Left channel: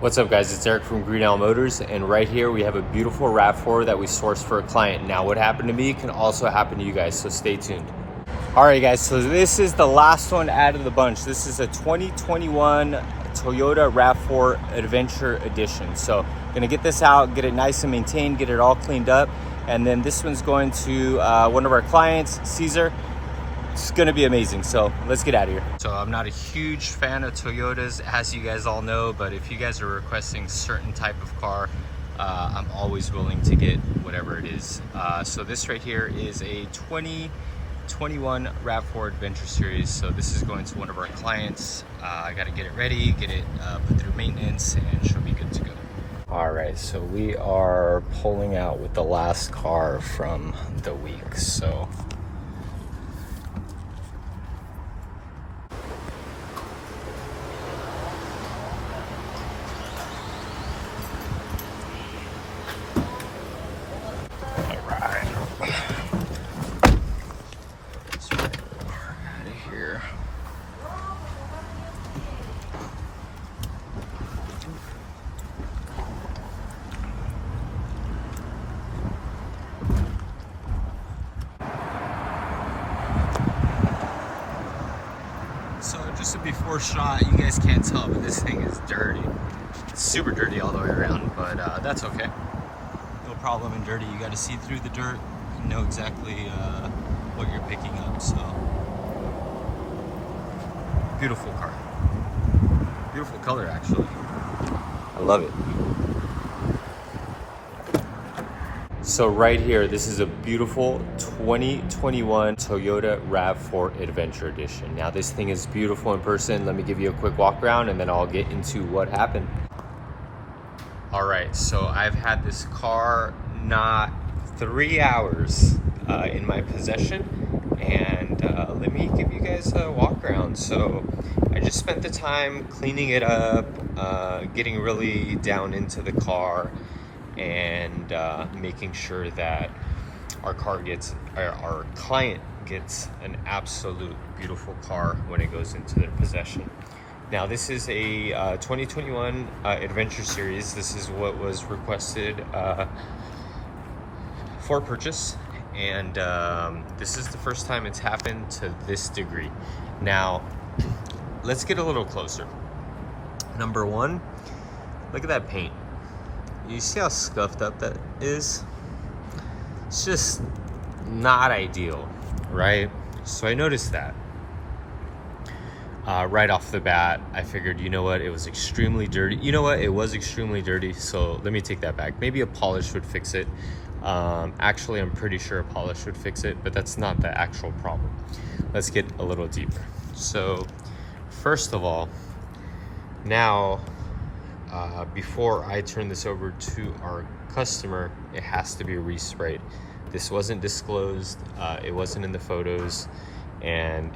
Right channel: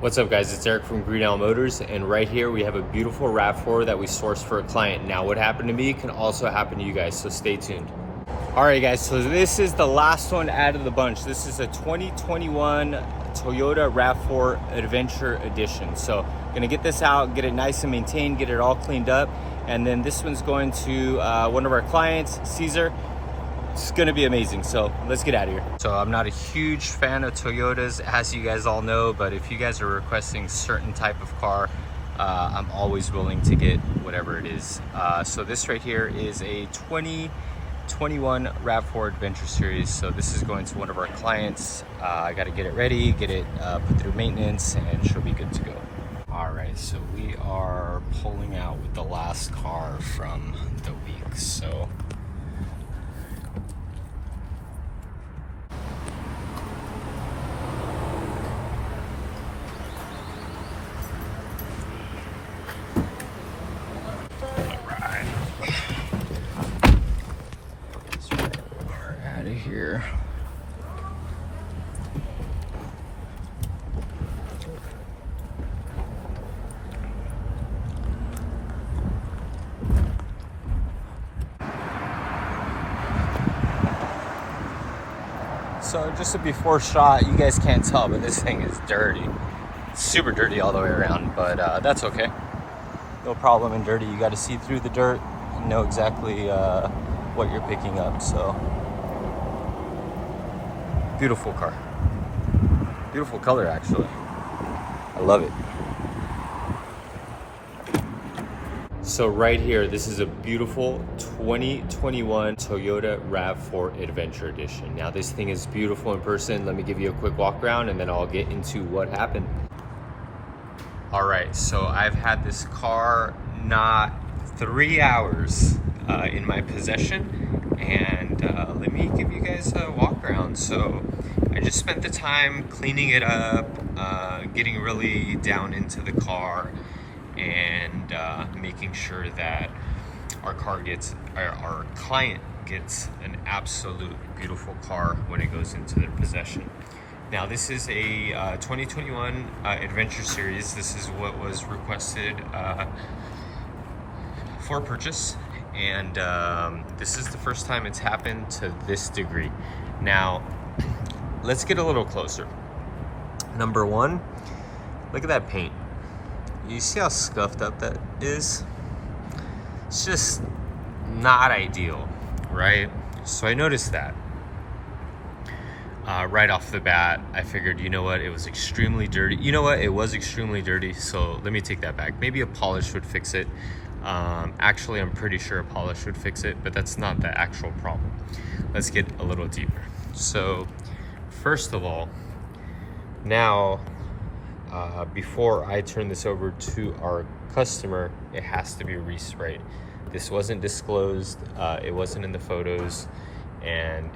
What's up guys, it's Eric from Green Owl Motors, and right here we have a beautiful RAV4 that we sourced for a client. Now what happened to me can also happen to you guys, so stay tuned. Alright guys, so this is the last one out of the bunch. This is a 2021 Toyota RAV4 Adventure Edition. So gonna get this out, get it nice and maintained, get it all cleaned up, and then this one's going to one of our clients, Caesar. It's gonna be amazing, so let's get out of here. So I'm not a huge fan of Toyotas, as you guys all know, but if you guys are requesting certain type of car, I'm always willing to get whatever it is. So this right here is a 2021 RAV4 Adventure Series. So this is going to one of our clients. I gotta get it ready, get it put through maintenance, and she'll be good to go. All right, so we are pulling out with the last car from the week. So So just a before shot, you guys can't tell, but this thing is dirty. It's super dirty all the way around, but that's okay. No problem in dirty. You got to see through the dirt and know exactly what you're picking up. So beautiful car. Beautiful color, actually. I love it. So right here, this is a beautiful 2021 Toyota RAV4 Adventure Edition. Now this thing is beautiful in person. Let me give you a quick walk around and then I'll get into what happened. All right, so I've had this car not 3 hours in my possession, and let me give you guys a walk around. So I just spent the time cleaning it up, getting really down into the car, and making sure that our client gets an absolute beautiful car when it goes into their possession. Now this is a 2021 Adventure Series. This is what was requested for purchase, and this is the first time it's happened to this degree. Now let's get a little closer. Number one, look at that paint. You see how scuffed up that is? It's just not ideal, right? So I noticed that. Right off the bat, I figured, you know what, it was extremely dirty. You know what, it was extremely dirty, so let me take that back. Maybe a polish would fix it. Actually, I'm pretty sure a polish would fix it, but that's not the actual problem. Let's get a little deeper. So, first of all, now, before I turn this over to our customer, it has to be resprayed. This wasn't disclosed, it wasn't in the photos, and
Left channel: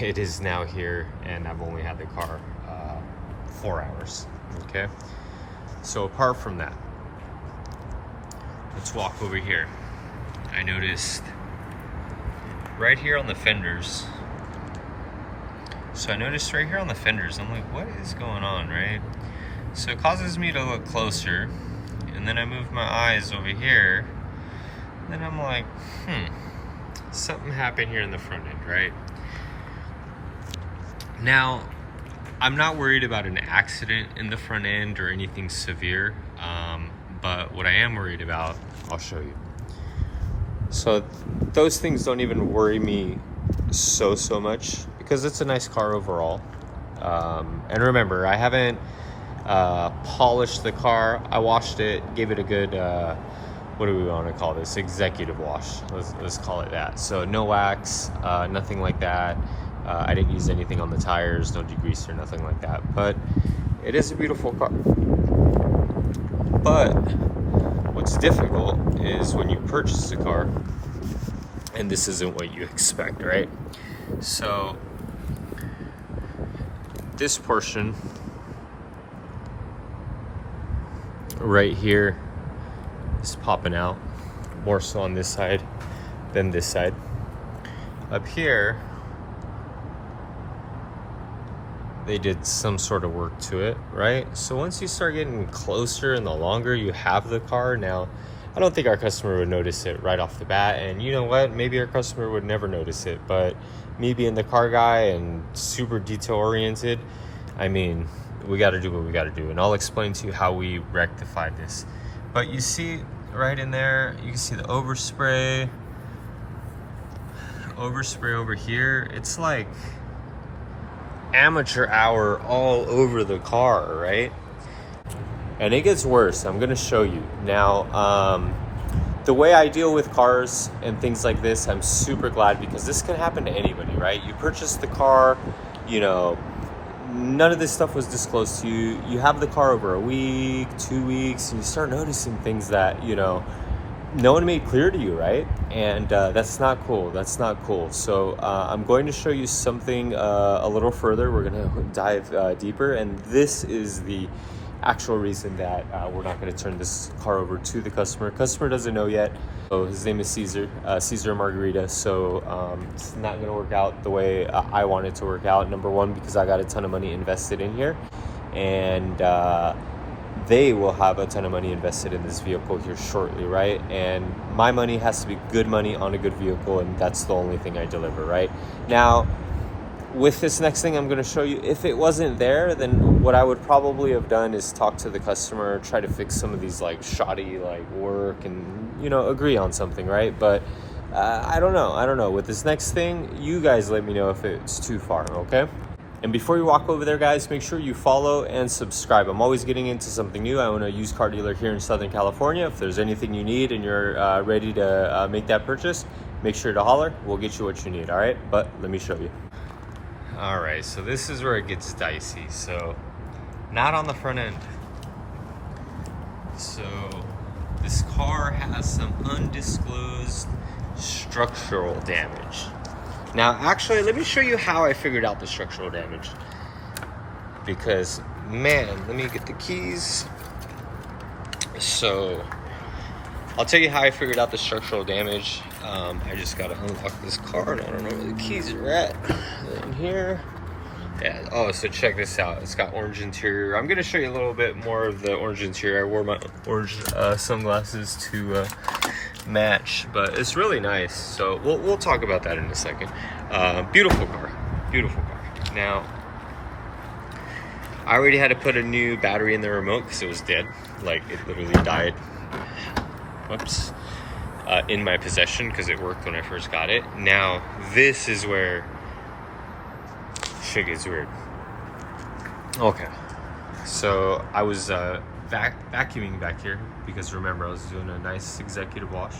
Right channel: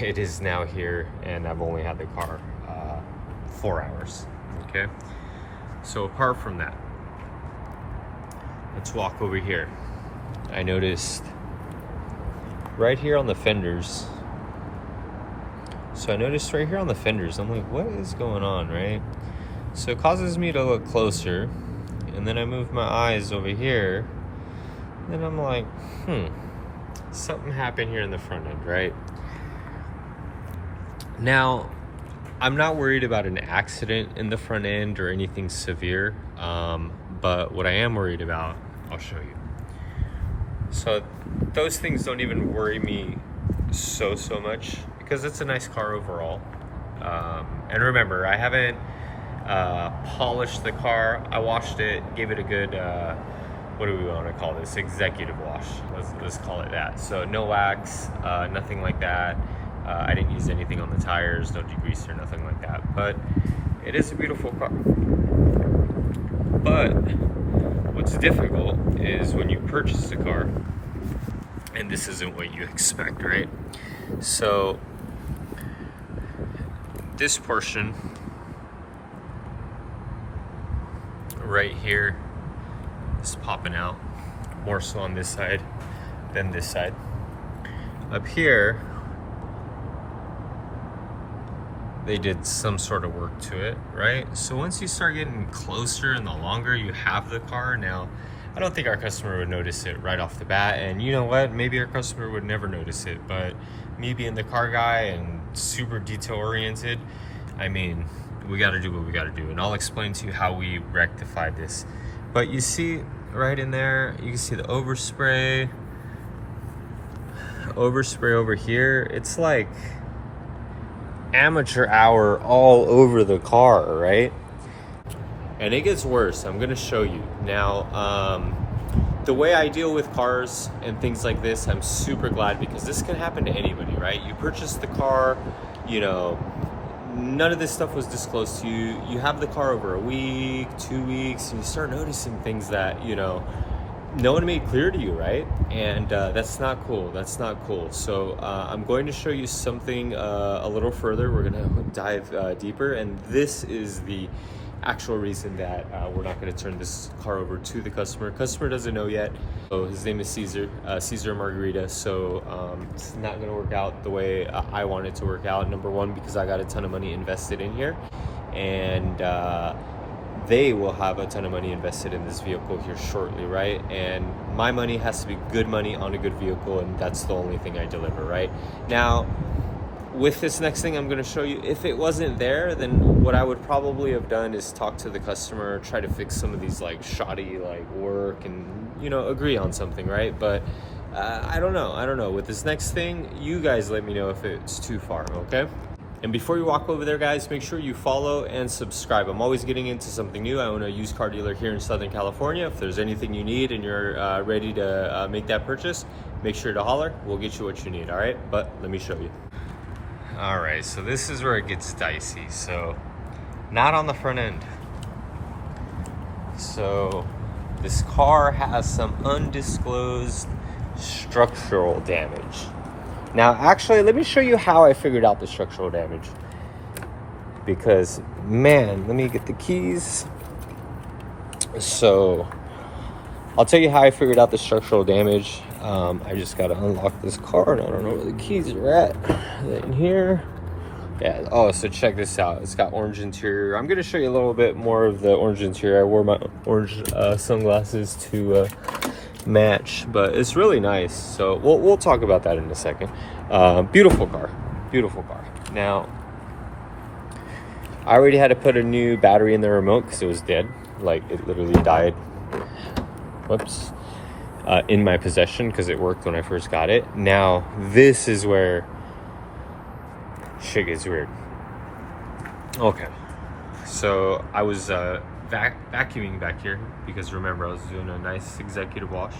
it is now here, and I've only had the car 4 hours, okay? So apart from that, let's walk over here. I noticed right here on the fenders, I'm like, what is going on, right? So it causes me to look closer, and then I move my eyes over here, and then I'm like, something happened here in the front end, right? Now, I'm not worried about an accident in the front end or anything severe, but what I am worried about, I'll show you. So those things don't even worry me so much, because it's a nice car overall. And remember, I haven't polished the car. I washed it, gave it a good what do we want to call this, executive wash, let's call it that. So no wax, nothing like that. I didn't use anything on the tires, no degreaser, nothing like that, but it is a beautiful car. But what's difficult is when you purchase a car and this isn't what you expect, right? So this portion right here is popping out, more so on this side than this side. Up here, they did some sort of work to it, right? So once you start getting closer and the longer you have the car, now I don't think our customer would notice it right off the bat. And you know what? Maybe our customer would never notice it, but me being the car guy and super detail oriented, I mean, we got to do what we got to do. And I'll explain to you how we rectified this. But you see right in there, you can see the overspray over here. It's like amateur hour all over the car, right? And it gets worse. I'm gonna show you now. The way I deal with cars and things like this, I'm super glad, because this can happen to anybody, right? You purchase the car, you know, none of this stuff was disclosed to you. You have the car over a week, 2 weeks, and you start noticing things that, you know, no one made clear to you, right? And that's not cool. That's not cool. So I'm going to show you something a little further. We're gonna dive deeper, and this is the actual reason that we're not going to turn this car over to the customer. Customer doesn't know yet. So his name is Caesar Margarita. So it's not going to work out the way I want it to work out. Number one, because I got a ton of money invested in here, and they will have a ton of money invested in this vehicle here shortly, right? And my money has to be good money on a good vehicle, and that's the only thing I deliver, right? Now, with this next thing I'm going to show you, if it wasn't there, then what I would probably have done is talk to the customer, try to fix some of these like shoddy like work, and, you know, agree on something, right? But I don't know. With this next thing, you guys let me know if it's too far, okay? And before you walk over there, guys, make sure you follow and subscribe. I'm always getting into something new. I own a used car dealer here in Southern California. If there's anything you need and you're ready to make that purchase, make sure to holler. We'll get you what you need, all right? But let me show you. All right, so this is where it gets dicey. So not on the front end. So this car has some undisclosed structural damage. Now, actually, let me show you how I figured out the structural damage. Because, man, let me get the keys. So I'll tell you how I figured out the structural damage. I just gotta unlock this car, and I don't know where the keys are at. In here. Yeah, oh, so check this out. It's got orange interior. I'm gonna show you a little bit more of the orange interior. I wore my orange sunglasses to match, but it's really nice. So we'll talk about that in a second. Beautiful car. Now, I already had to put a new battery in the remote because it was dead. Like, it literally died. Whoops. In my possession, because it worked when I first got it. Now, this is where shit gets weird. Okay, so I was vacuuming back here, because remember, I was doing a nice executive wash,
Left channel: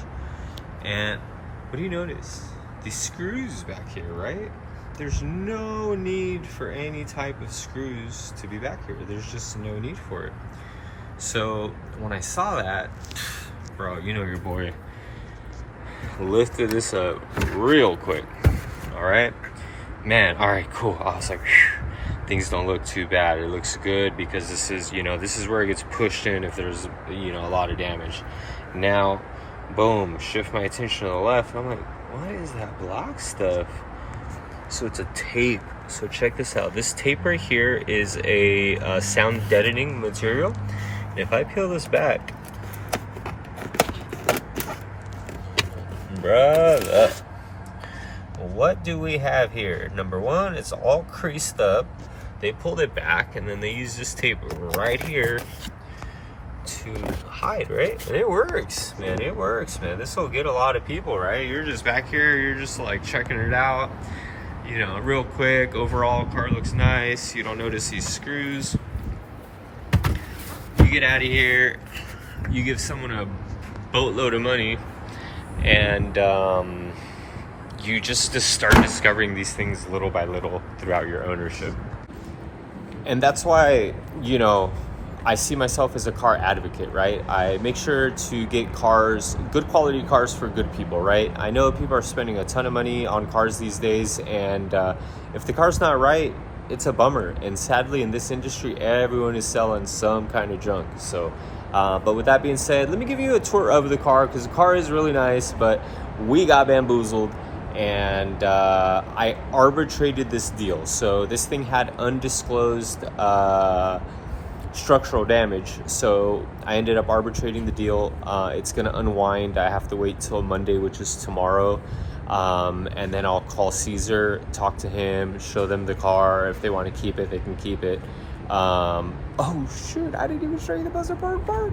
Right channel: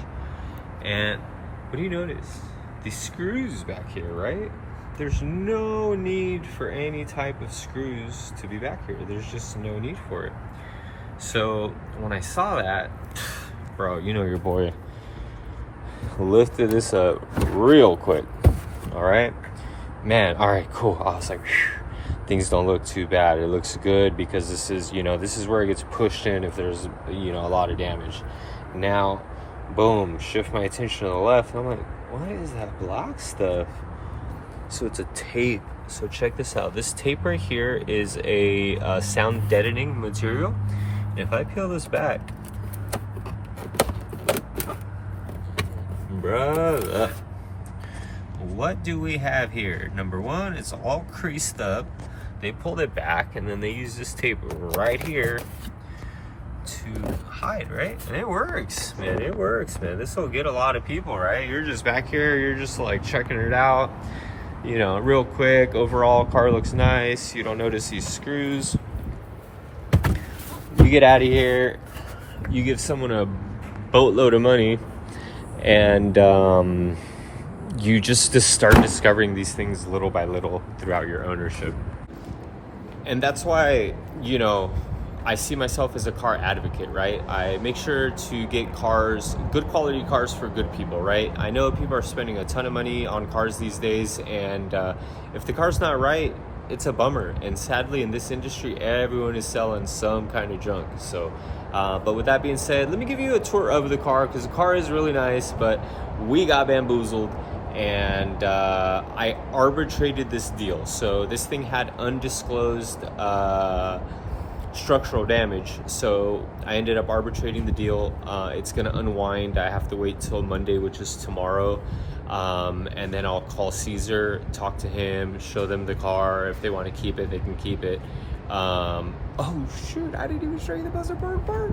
and what do you notice? These screws back here, right? There's no need for any type of screws to be back here. There's just no need for it. So when I saw that, bro, you know your boy lifted this up real quick. All right, man. All right, cool. I was like, whew, things don't look too bad. It looks good, because this is, you know, this is where it gets pushed in if there's, you know, a lot of damage. Now, boom, shift my attention to the left. I'm like, what is that black stuff? So it's a tape. So check this out. This tape right here is a sound deadening material. And if I peel this back, brother, what do we have here? Number one, it's all creased up. They pulled it back, and then they used this tape right here to hide, right? And it works, man. It works, man. This will get a lot of people, right? You're just back here, you're just like checking it out, you know, real quick. Overall, car looks nice. You don't notice these screws. You get out of here, you give someone a boatload of money, and you just start discovering these things little by little throughout your ownership. And that's why, you know, I see myself as a car advocate, right? I make sure to get cars, good quality cars for good people, right? I know people are spending a ton of money on cars these days, and if the car's not right, it's a bummer. And sadly, in this industry, everyone is selling some kind of junk. So, but with that being said, let me give you a tour of the car, because the car is really nice, but we got bamboozled. and I arbitrated this deal. So this thing had undisclosed structural damage, so I ended up arbitrating the deal. It's gonna unwind. I have to wait till Monday, which is tomorrow, and then I'll call Caesar, talk to him, show them the car. If they want to keep it, they can keep it. Oh shoot, I didn't even show you the buzzer part.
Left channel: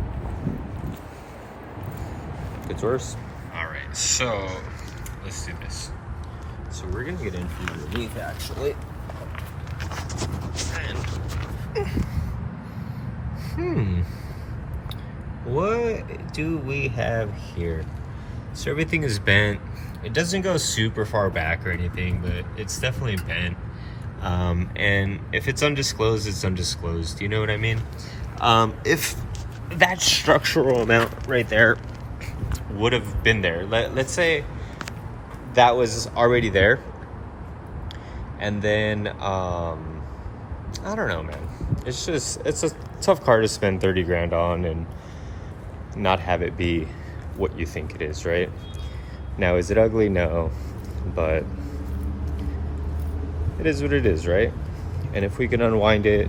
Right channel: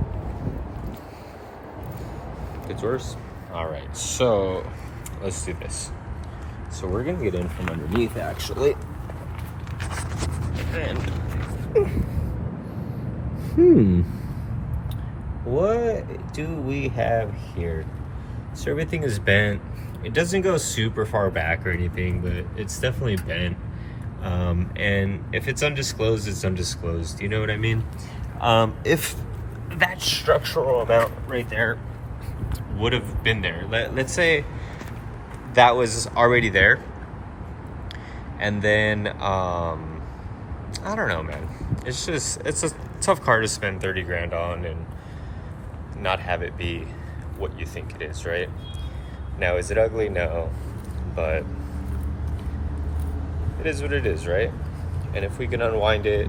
Gets worse. All right, so let's do this. So we're gonna get in from underneath, actually. And what do we have here? So everything is bent. It doesn't go super far back or anything, but it's definitely bent. And if it's undisclosed, it's undisclosed. You know what I mean? If that structural amount right there would have been there, let's say that was already there, and then I don't know, man. It's a tough car to spend 30 grand on and not have it be what you think it is, right? Now, is it ugly? No, but it is what it is, right? And if we can unwind it,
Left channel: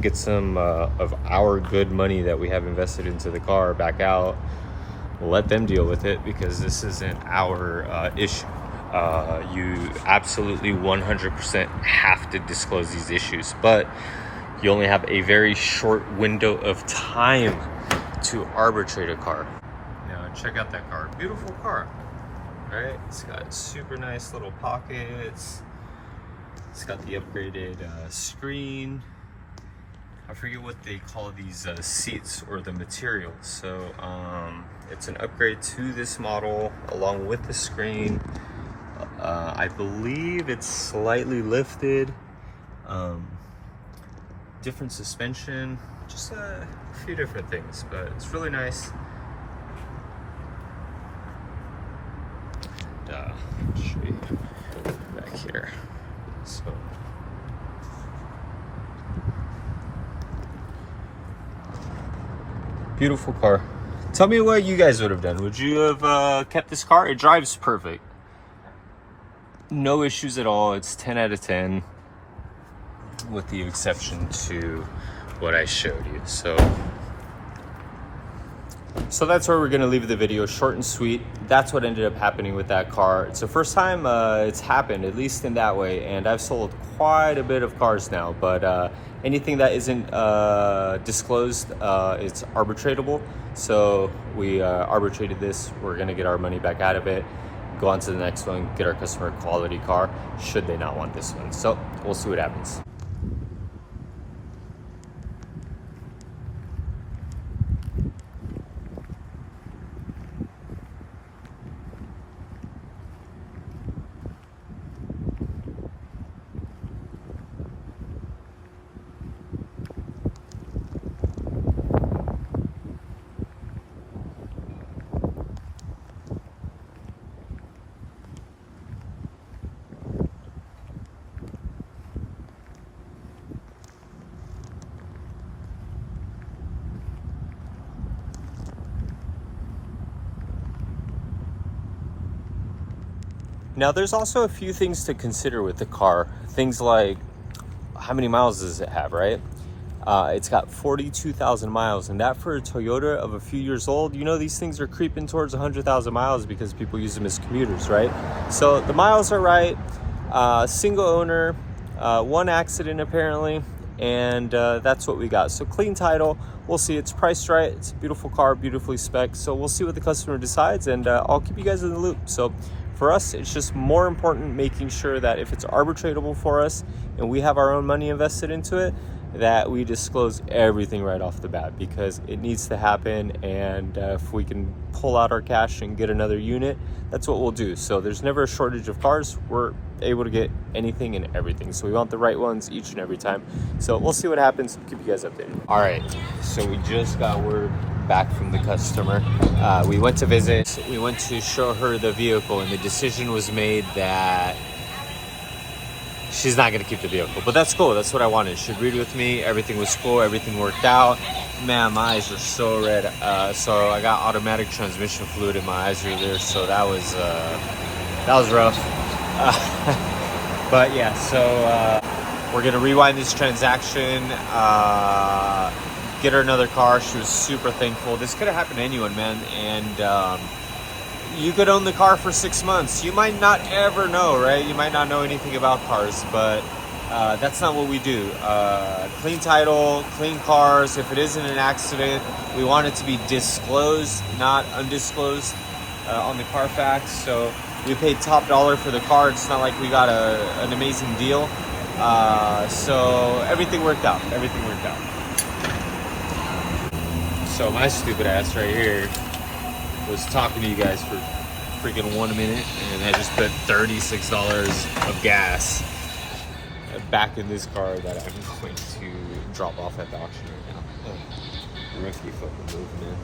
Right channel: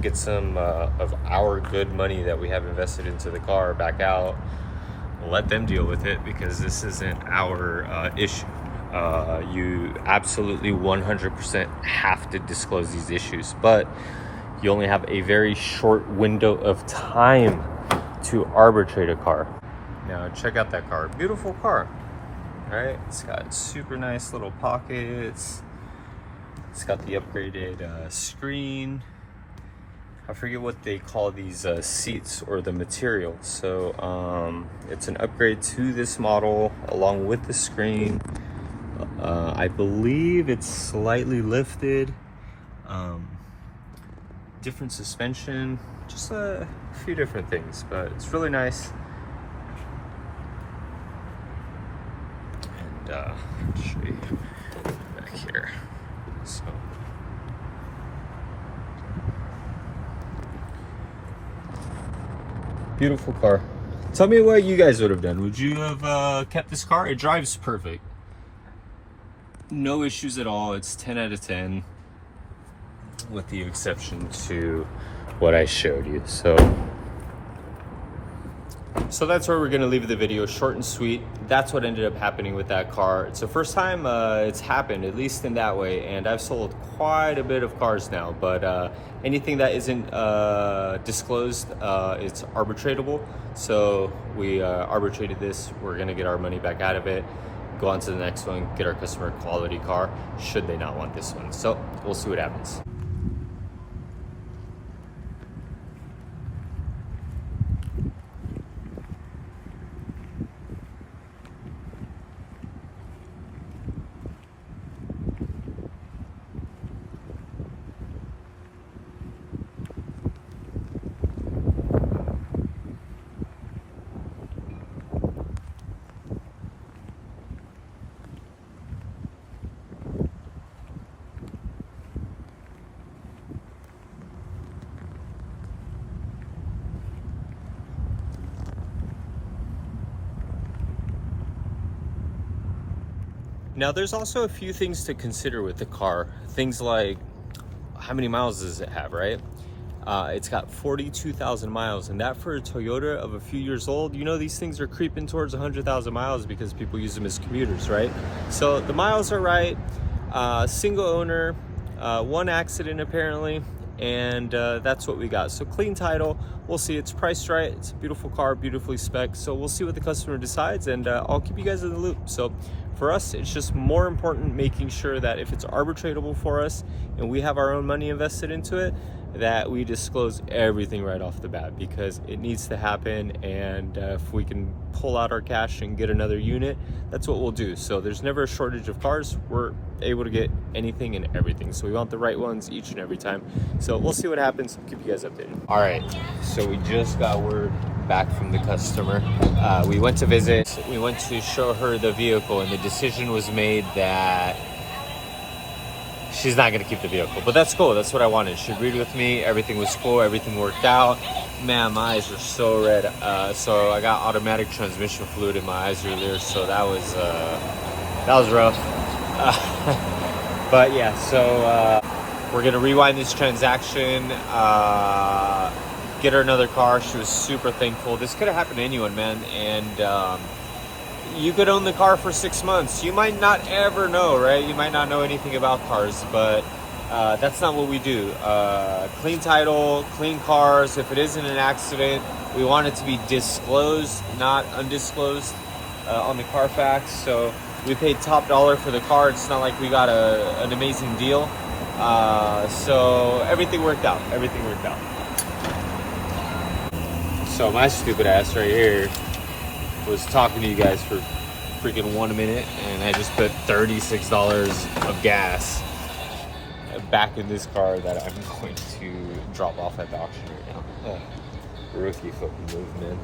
get some of our good money that we have invested into the car back out, let them deal with it, because this isn't our issue. You absolutely 100% have to disclose these issues, but you only have a very short window of time to arbitrate a car. Now check out that car. Beautiful car, right? It's got super nice little pockets. It's got the upgraded screen. I forget what they call these seats or the material. So it's an upgrade to this model along with the screen. I believe it's slightly lifted. Different suspension, just a few different things, but it's really nice. And I'll show you back here. So beautiful car. Tell me what you guys would have done. Would you have kept this car? It drives perfect. No issues at all. It's 10 out of 10, with the exception to what I showed you. So that's where we're gonna leave the video, short and sweet. That's what ended up happening with that car. It's the first time it's happened, at least in that way, and I've sold quite a bit of cars now, but anything that isn't disclosed, it's arbitratable. So we arbitrated this. We're gonna get our money back out of it, go on to the next one, get our customer a quality car, should they not want this one. So we'll see what happens. Now, there's also a few things to consider with the car. Things like, how many miles does it have, right? It's got 42,000 miles, and that for a Toyota of a few years old, you know, these things are creeping towards 100,000 miles because people use them as commuters, right? So the miles are right. Single owner, one accident apparently, and that's what we got. So clean title. We'll see. It's priced right. It's a beautiful car, beautifully spec'd. So we'll see what the customer decides, and I'll keep you guys in the loop. So for us, it's just more important making sure that if it's arbitratable for us and we have our own money invested into it, that we disclose everything right off the bat, because it needs to happen. And if we can pull out our cash and get another unit, that's what we'll do. So there's never a shortage of cars. We're able to get anything and everything. So we want the right ones each and every time. So we'll see what happens. Keep you guys updated. All right, so we just got word back from the customer. We went to visit. We went to show her the vehicle, and the decision was made that she's not gonna keep the vehicle, but that's cool. That's what I wanted. She agreed with me. Everything was cool. Everything worked out. Man, my eyes are so red. So I got automatic transmission fluid in my eyes earlier. So that was rough. But yeah, so we're gonna rewind this transaction, get her another car. She was super thankful. This could have happened to anyone, man. And you could own the car for 6 months. You might not ever know, right? You might not know anything about cars, but that's not what we do. Clean title, clean cars. If it isn't an accident, we want it to be disclosed, not undisclosed on the Carfax. So we paid top dollar for the car. It's not like we got an amazing deal. So everything worked out. Everything worked out. So my stupid ass right here was talking to you guys for freaking 1 minute, and I just put $36 of gas back in this car that I'm going to drop off at the auction right now. Oh, rookie fucking move, man.